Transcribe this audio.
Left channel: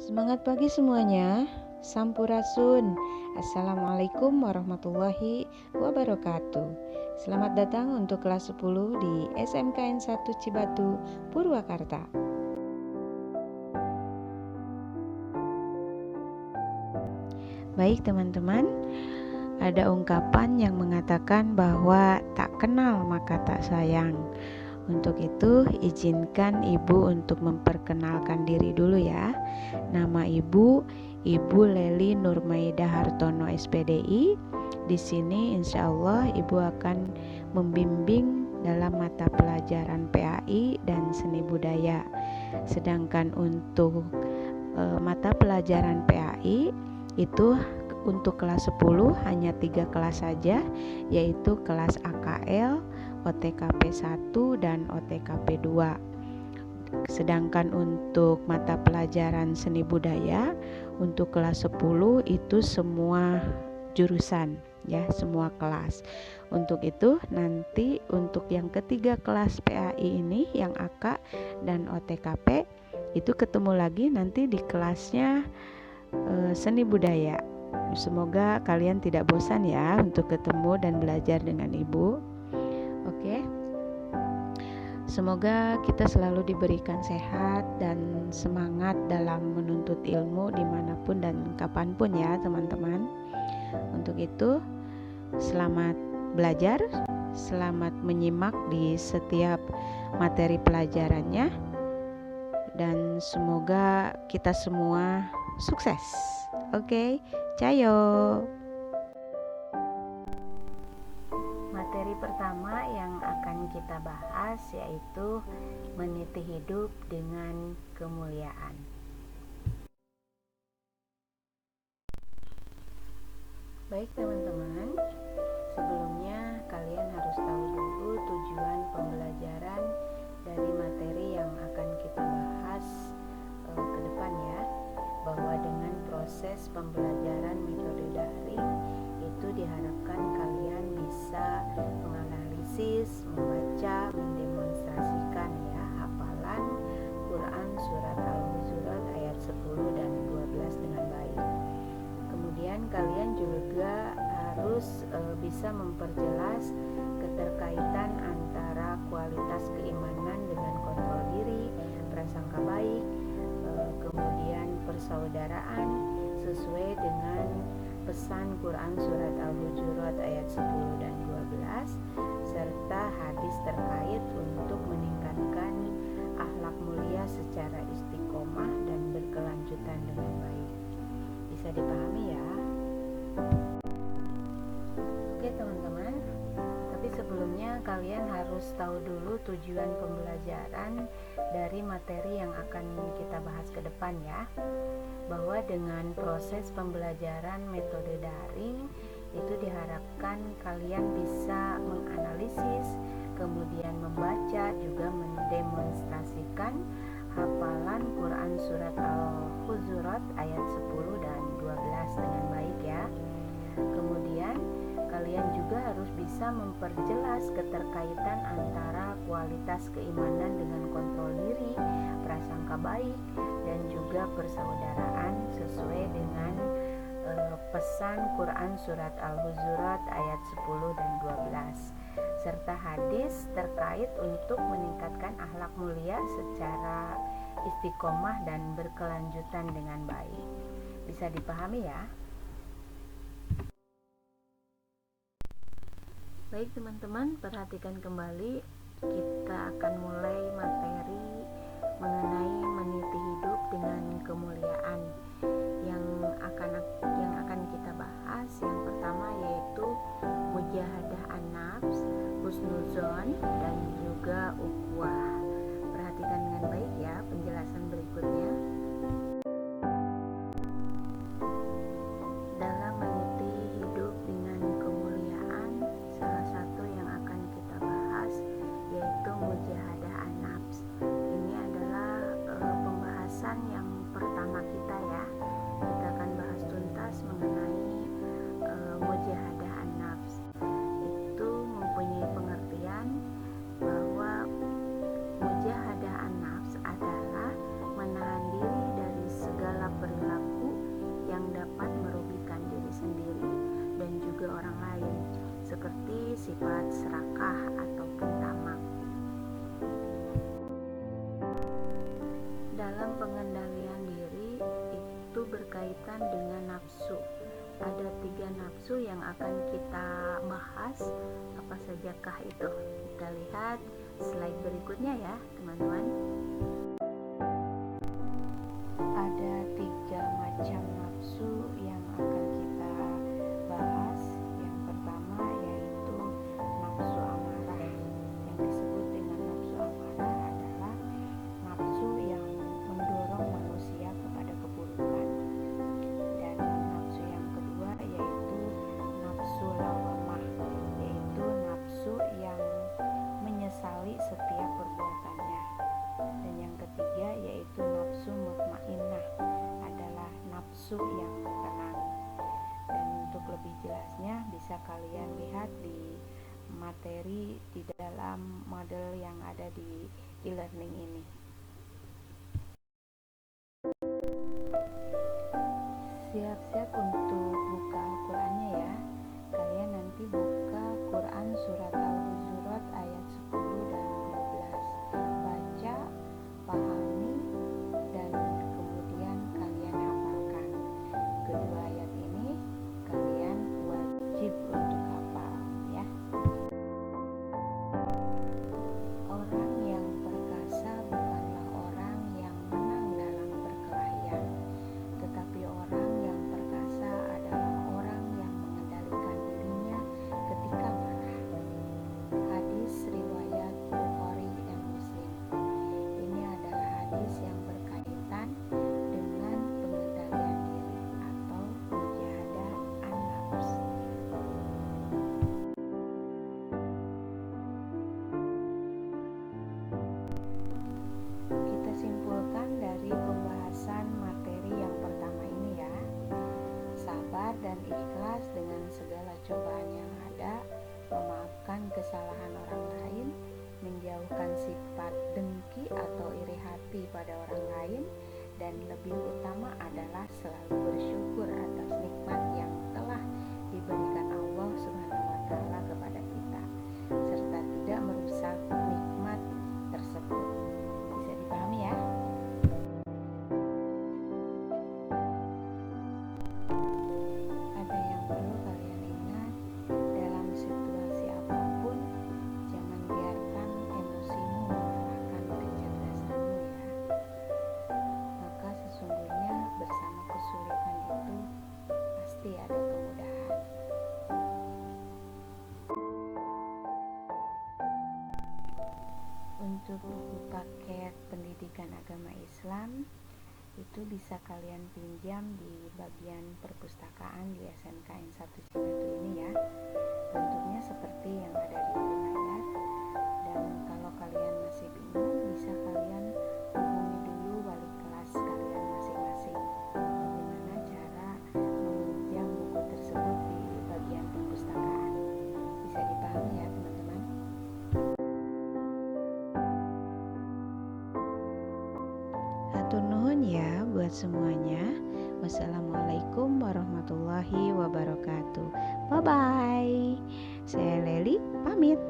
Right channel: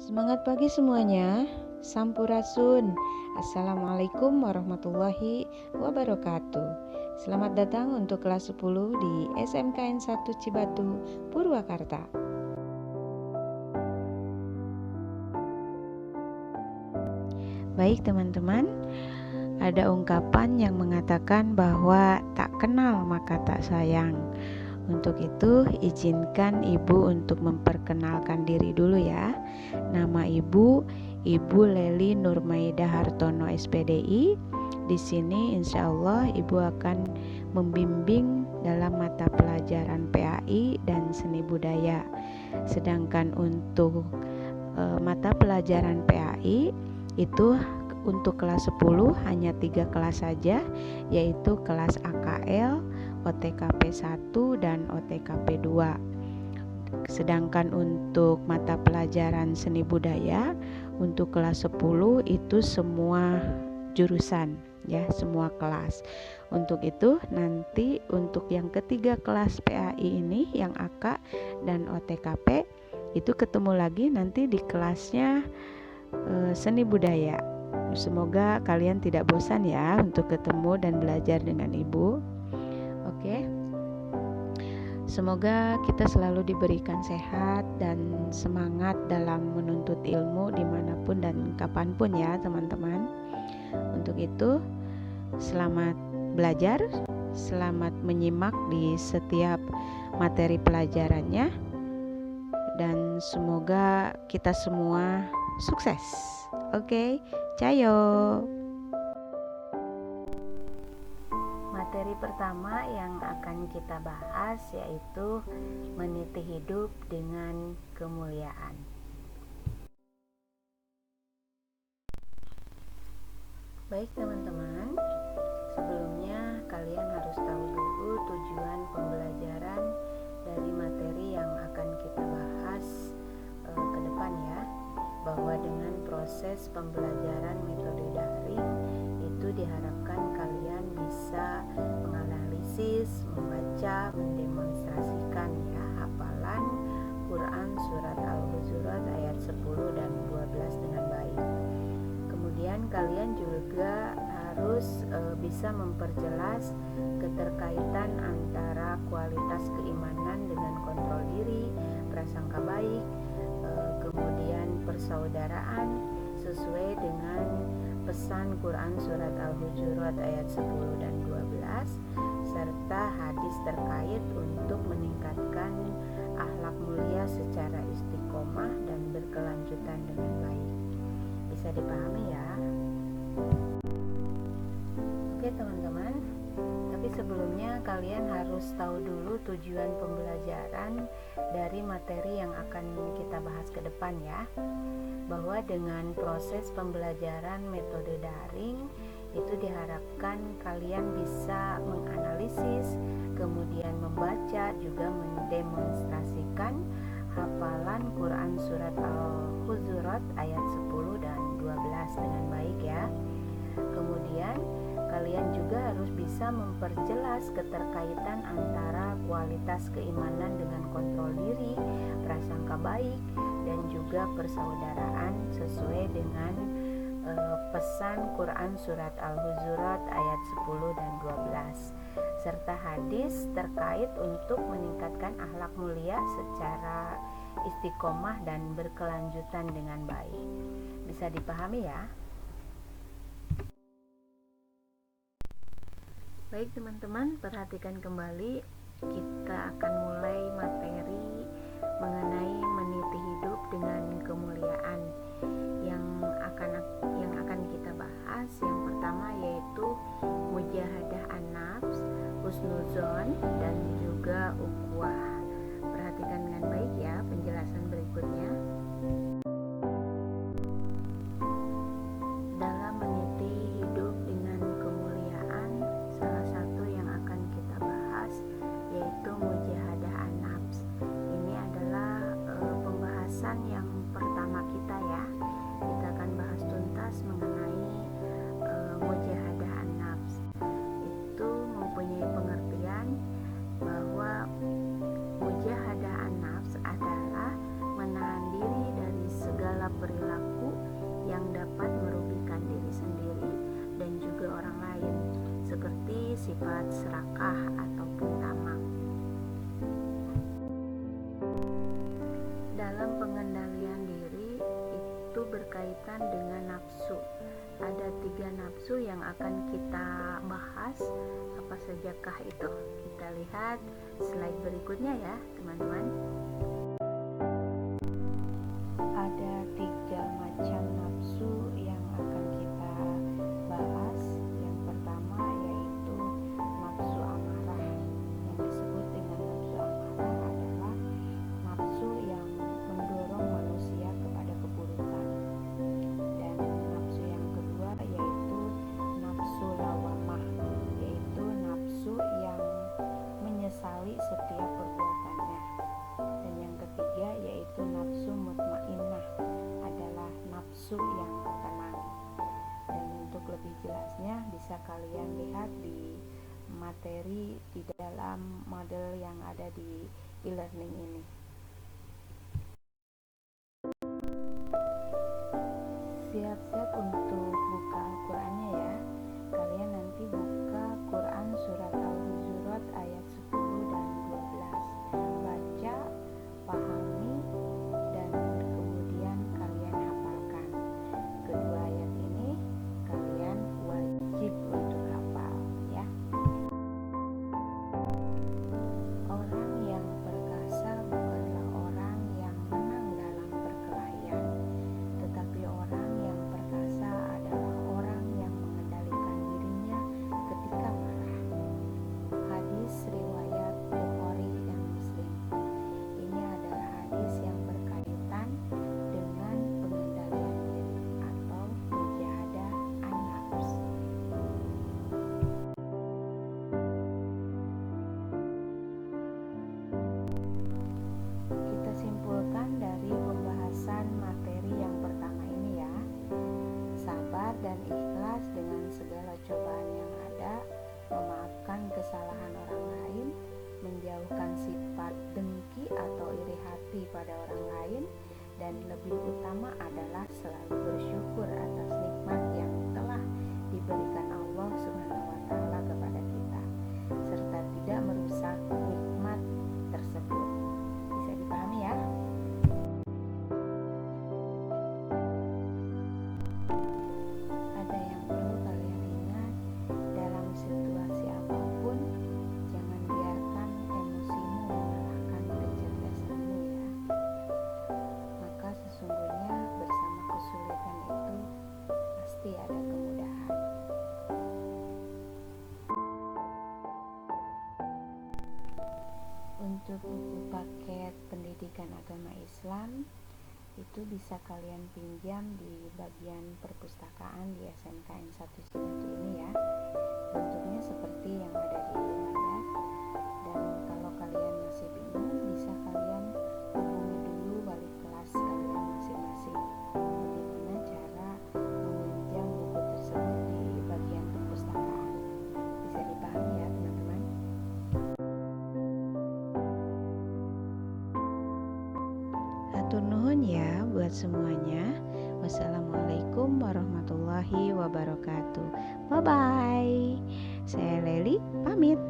Semangat pagi semuanya, Sampurasun. Assalamualaikum warahmatullahi wabarakatuh. Selamat datang untuk kelas 10 di SMKN 1 Cibatu, Purwakarta. Baik teman-teman, ada ungkapan yang mengatakan bahwa tak kenal maka tak sayang. Untuk itu, izinkan Ibu untuk memperkenalkan diri dulu ya. Nama Ibu Leli Nurmaida Hartono SPDI. Di sini insya Allah Ibu akan membimbing dalam mata pelajaran PAI dan seni budaya. Sedangkan untuk mata pelajaran PAI itu untuk kelas 10 hanya 3 kelas saja, yaitu kelas AKL, OTKP 1 dan OTKP 2. Sedangkan untuk mata pelajaran seni budaya untuk kelas 10 itu semua jurusan ya, semua kelas. Untuk itu nanti untuk yang ketiga kelas PAI ini yang AK dan OTKP itu ketemu lagi nanti di kelasnya seni budaya. Semoga kalian tidak bosan ya untuk ketemu dan belajar dengan Ibu. Oke. Semoga kita selalu diberikan sehat dan semangat dalam menuntut ilmu dimanapun dan kapanpun ya teman-teman. Untuk itu, selamat belajar, selamat menyimak di setiap materi pelajarannya, dan semoga kita semua sukses. Oke, cayo. Materi pertama yang akan kita bahas yaitu meniti hidup dengan kemuliaan. Baik teman-teman, sebelumnya kalian harus tahu dulu tujuan pembelajaran dari materi yang akan kita bahas ke depan ya, bahwa dengan proses pembelajaran metode daring itu diharapkan kalian bisa menganalisis, membaca, mendemonstrasikan ya hafalan Quran surat Al-Hujurat ayat 10 dan 12 dengan baik. Kemudian kalian juga harus bisa memperjelas keterkaitan antara kualitas keimanan dengan kontrol diri, prasangka baik, kemudian persaudaraan sesuai dengan pesan Quran surat Al-Hujurat ayat 10 dan 12 serta hadis terkait untuk meningkatkan akhlak mulia secara istiqomah dan berkelanjutan dengan baik. Bisa dipahami ya? Oke teman-teman, tapi sebelumnya kalian harus tahu dulu tujuan pembelajaran dari materi yang akan kita bahas ke depan ya, bahwa dengan proses pembelajaran metode daring itu diharapkan kalian bisa menganalisis, kemudian membaca, juga mendemonstrasikan hafalan Quran surat Al-Hujurat ayat 10 dan 12 dengan baik ya. Kemudian kalian juga harus bisa memperjelas keterkaitan antara kualitas keimanan dengan kontrol diri, prasangka baik, dan juga persaudaraan sesuai dengan pesan Quran surat Al-Hujurat ayat 10 dan 12 serta hadis terkait untuk meningkatkan akhlak mulia secara istiqomah dan berkelanjutan dengan baik. Bisa dipahami ya? Baik teman-teman, perhatikan kembali, kita akan mulai materi mengenai meniti hidup dengan kemuliaan yang akan kita bahas. Yang pertama yaitu mujahadah an-nafs, husnuzon, dan juga ukhuwah. Perhatikan dengan baik ya penjelasan berikutnya. Dalam meniti hidup dengan kemuliaan, salah satu yang akan kita bahas yaitu mujahadah an-nafs. Ini adalah pembahasan yang pertama kita ya. Kita akan bahas tuntas mengenai mujahadah an-nafs. Itu mempunyai pengertian bahwa mujahadah an-nafs adalah menahan diri dari segala sikap perilaku yang dapat merugikan diri sendiri dan juga orang lain, seperti sifat serakah ataupun tamak. Dalam pengendalian diri itu berkaitan dengan nafsu. Ada 3 nafsu yang akan kita bahas. Apa sajakah itu? Kita lihat slide berikutnya ya teman-teman. Ada 3 macam nafsu yang akan kita bahas. Yang pertama yaitu nafsu amarah. Yang disebut dengan nafsu amarah adalah nafsu yang mendorong manusia kepada keburukan. Dan nafsu yang kedua yaitu nafsu lawamah, yaitu nafsu yang menyesali setiap perbuatannya. Dan yang ketiga yaitu nafsu mutmainnah, adalah nafsu yang tenang. Dan untuk lebih jelasnya bisa kalian lihat di materi di dalam model yang ada di e-learning ini. Siap-siap untuk buka Al-Qur'annya ya. Kalian nanti buka Quran surat Al-Hujurat ayat 10 dan 12. Baca, pahami, dan kemudian kalian hafalkan. Kedua ayat ini kalian wajib untuk hafal ya. Orang yang perkasa bukanlah orang yang menang dalam perkelahian, tetapi orang yang perkasa adalah orang yang mengendalikan dirinya ketika marah. Hadis riwayat Bukhari dan Muslim. Ini adalah hadis yang berkaitan dengan pengendalian diri atau mujahadah an-nafs. Kita simpulkan dari pembahasan materi yang pertama ini ya. Sabar dan ikhlas dengan segala cobaan yang ada, memaafkan kesalahan orang lain, menjauhkan sifat dengki atau iri hati pada orang lain, dan lebih utama adalah selalu bersyukur atas nikmat yang telah diberikan Allah Subhanahu wa Ta'ala kepada kita, serta tidak merusak nikmat tersebut. Bisa dipahami ya? Ada yang perlu kalian ingat, dalam situasi apapun jangan biarkan emosimu mengalahkan kecerdasanmu ya. Maka sesungguhnya bersama kesulitan itu pasti ada kemudahan. Untuk buku paket pendidikan agama Islam itu bisa kalian pinjam di bagian perpustakaan di SMKN 1 Cibatu ini ya. Bentuknya seperti yang ada di layar. Dan kalau kalian masih bingung, bisa kalian hubungi dulu wali kelas kalian masing-masing. Bagaimana cara meminjam buku tersebut di bagian perpustakaan. Bisa dipahami ya teman-teman? Hatur nuhun ya buat semuanya. Wassalamualaikum warahmatullahi wabarakatuh. Bye bye. Saya Leli pamit.